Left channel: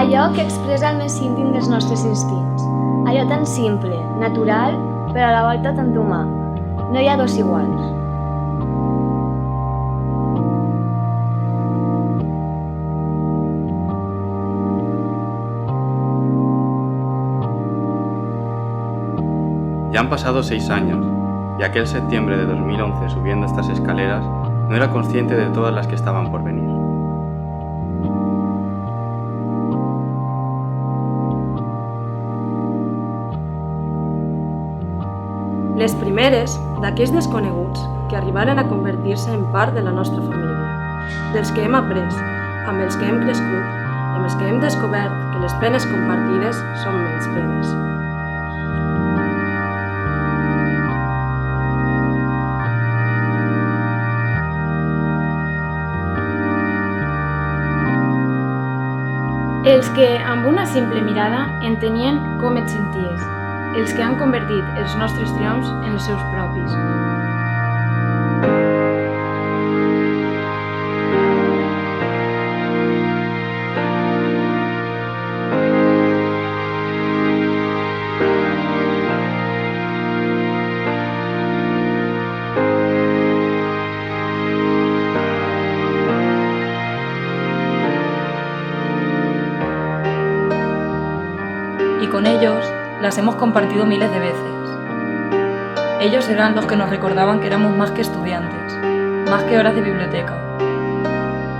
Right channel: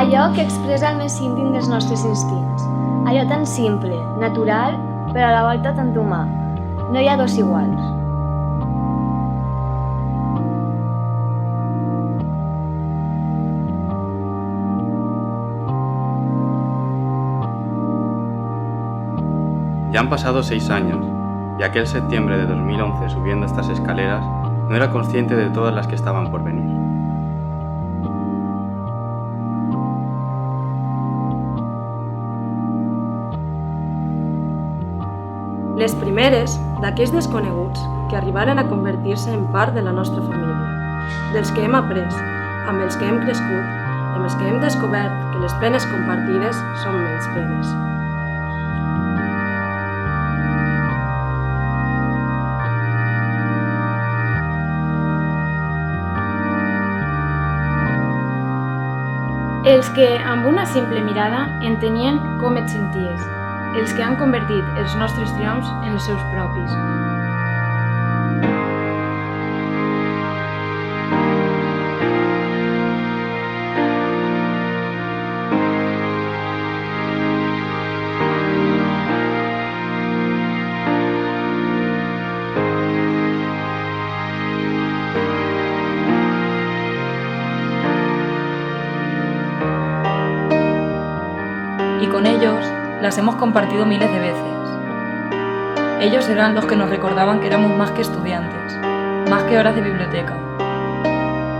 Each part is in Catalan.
allò que expressa el més íntim dels nostres instints, allò tan simple, natural, però a la volta tant humà. No hi ha dos iguals. Ya han pasado 6 años, y aquel septiembre de 2011 subiendo estas escaleras, no era consciente de todas las que estaban por venir. Les primeres d'aquells desconeguts que arribaren a convertir-se en part de la nostra família, dels que hem après, amb els que hem crescut i amb els que hem descobert que les penes compartides són menys penes. Els que, amb una simple mirada, entenien com et senties, els que han convertit els nostres triomfs en els seus propis. Y con ellos las hemos compartido miles de veces. Ellos eran los que nos recordaban que éramos más que estudiantes, más que horas de biblioteca,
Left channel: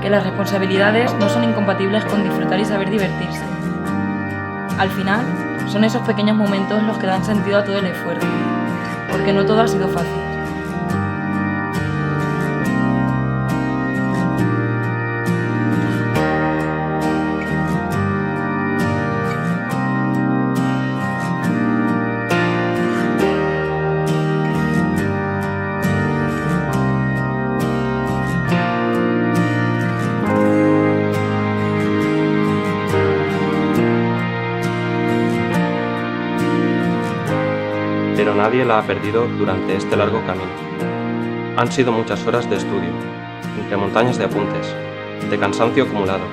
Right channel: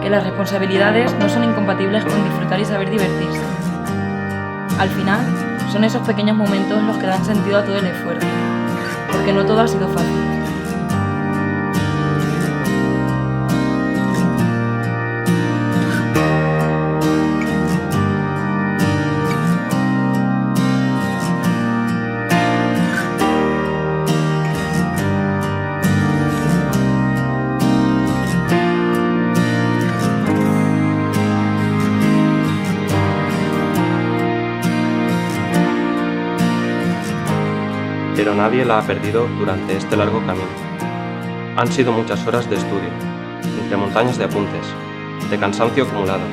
que las responsabilidades no son incompatibles con disfrutar y saber divertirse. Al final, son esos pequeños momentos los que dan sentido a todo el esfuerzo, porque no todo ha sido fácil. Pero nadie la ha perdido durante este largo camino. Han sido muchas horas de estudio, entre montañas de apuntes, de cansancio acumulado,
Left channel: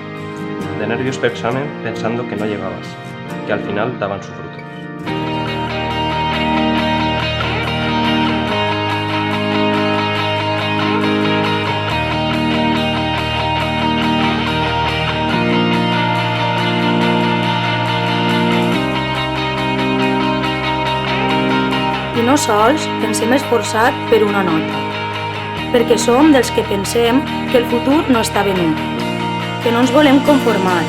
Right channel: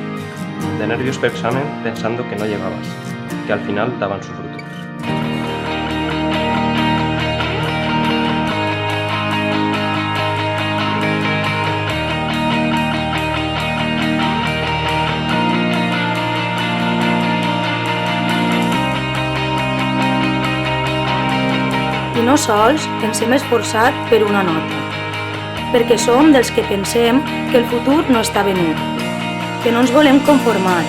de nervios por examen pensando que no llegabas, que al final daban su fruto. I no sols ens hem esforçat per una nota, perquè som dels que pensem que el futur no està venut, que no ens volem conformar,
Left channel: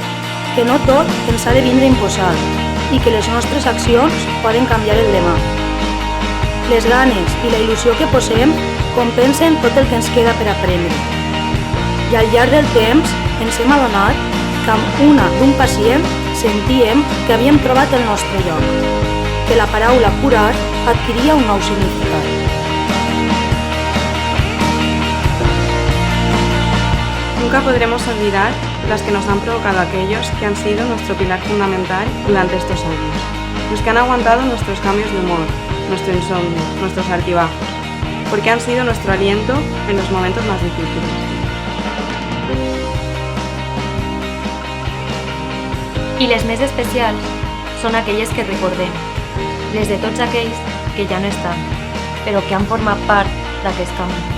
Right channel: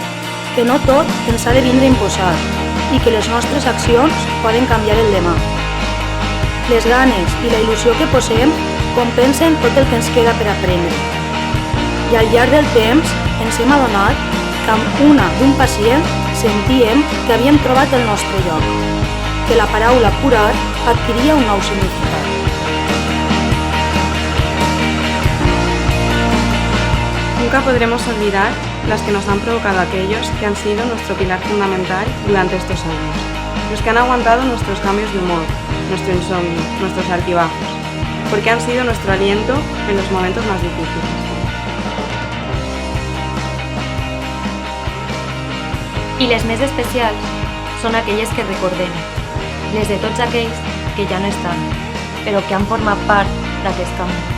que no tot ens ha de vindre imposat i que les nostres accions poden canviar el demà. Les ganes i la il·lusió que posem compensen tot el que ens queda per aprendre. I al llarg del temps ens hem adonat que amb una d'un pacient sentíem que havíem trobat el nostre lloc, que la paraula curar adquiría un nuevo significado. Nunca podremos olvidar las que nos han provocado aquellos que han sido nuestro pilar fundamental durante estos años, los que han aguantado nuestros cambios de humor, nuestro insomnio, nuestros altibajos, porque han sido nuestro aliento en los momentos más difíciles. I les més especials són aquelles que recordem, les de tots aquells que ja no estan, però que han format part d'aquest camí.